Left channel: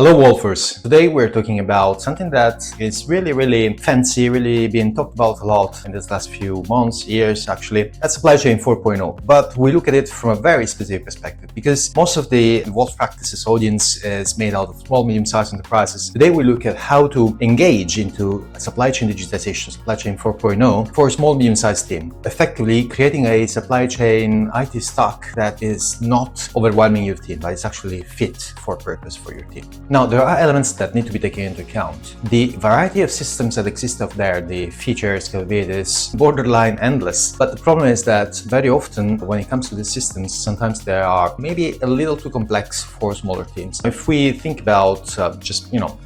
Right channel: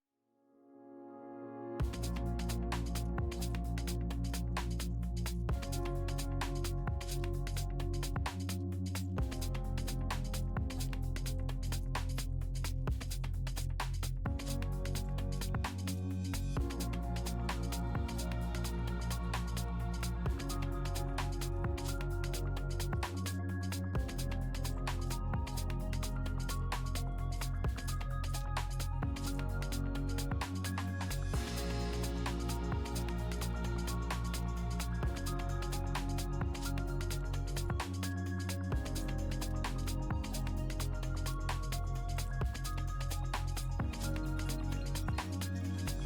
Hello Wolfers! Today we're talking about something that is really fancy, really being talked about a lot in this last few months, years actually. That's supply chain 4.0. But we look at it from a very specific perspective because most of the Wolf Practices audience is made out of small, medium-sized enterprises. Today we look at how to engage into supply chain digitization, supply chain 4.0 for a small, medium-sized team, effectively creating a supply chain IT stack that is not overwhelming your team, but it's actually fit for purpose for your team. Now, there are elements that need to be taken into account. The variety of systems that exist out there, the features, capabilities, borderline endless. But the problem is that very often when it comes to the systems, sometimes they are maybe a little too complex for smaller teams. If we think about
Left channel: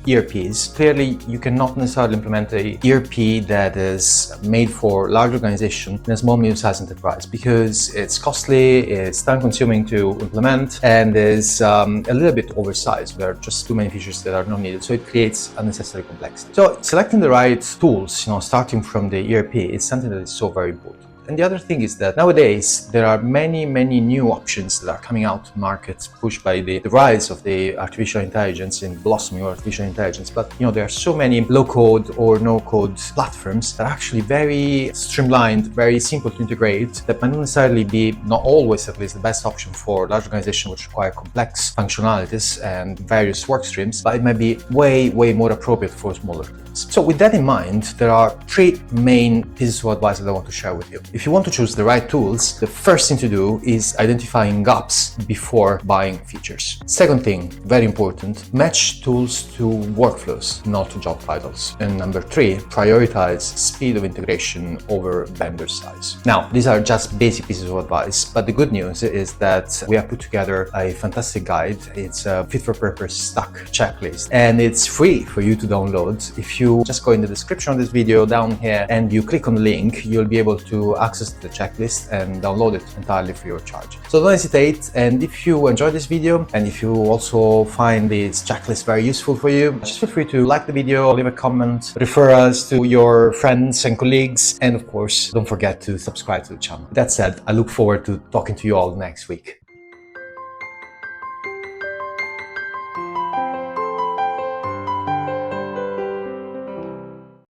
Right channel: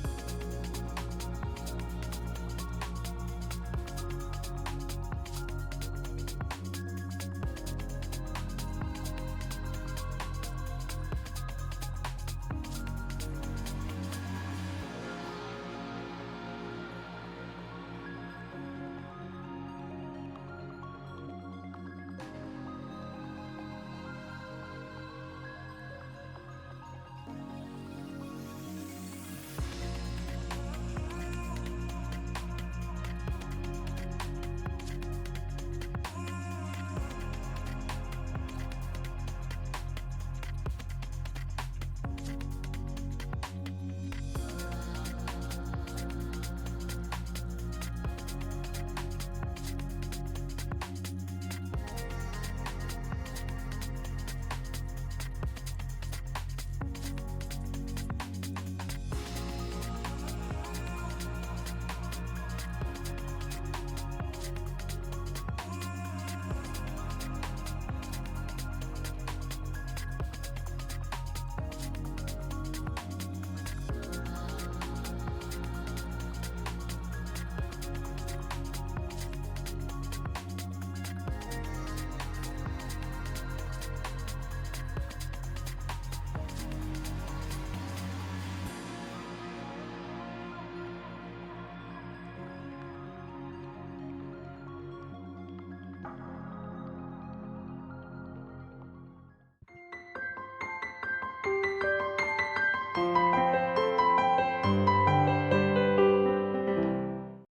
ERPs, clearly you cannot necessarily implement a ERP that is made for large organization in a small, medium-sized enterprise because it's costly, it's time-consuming to implement, and is a little bit oversized. There are just too many features that are not needed, so it creates unnecessary complexity. So selecting the right tools, starting from the ERP, is something that is so very important. And the other thing is that nowadays there are many new options that are coming out to market, pushed by the rise of the artificial intelligence and blossoming of artificial intelligence. But there are so many low-code or no-code platforms that are actually very streamlined, very simple to integrate, that might not necessarily be, not always at least, the best option for large organizations which require complex functionalities and various work streams, but it might be way more appropriate for smaller teams. So with that in mind, there are three main pieces of advice that I want to share with you. If you want to choose the right tools, the first thing to do is identifying gaps before buying features. Second thing, very important, match tools to workflows, not to job titles. And number three, prioritize speed of integration over vendor size. Now, these are just basic pieces of advice, but the good news is that we have put together a fantastic guide. It's a fit-for-purpose stack checklist, and it's free for you to download. If you just go in the description of this video down here and you click on the link, you'll be able to access the checklist and download it entirely free of charge. So don't hesitate, and if you enjoyed this video and if you also find this checklist very useful for you, just feel free to like the video, leave a comment, refer us to your friends and colleagues, and of course don't forget to subscribe to the channel. That said, I look forward to talking to you all next week.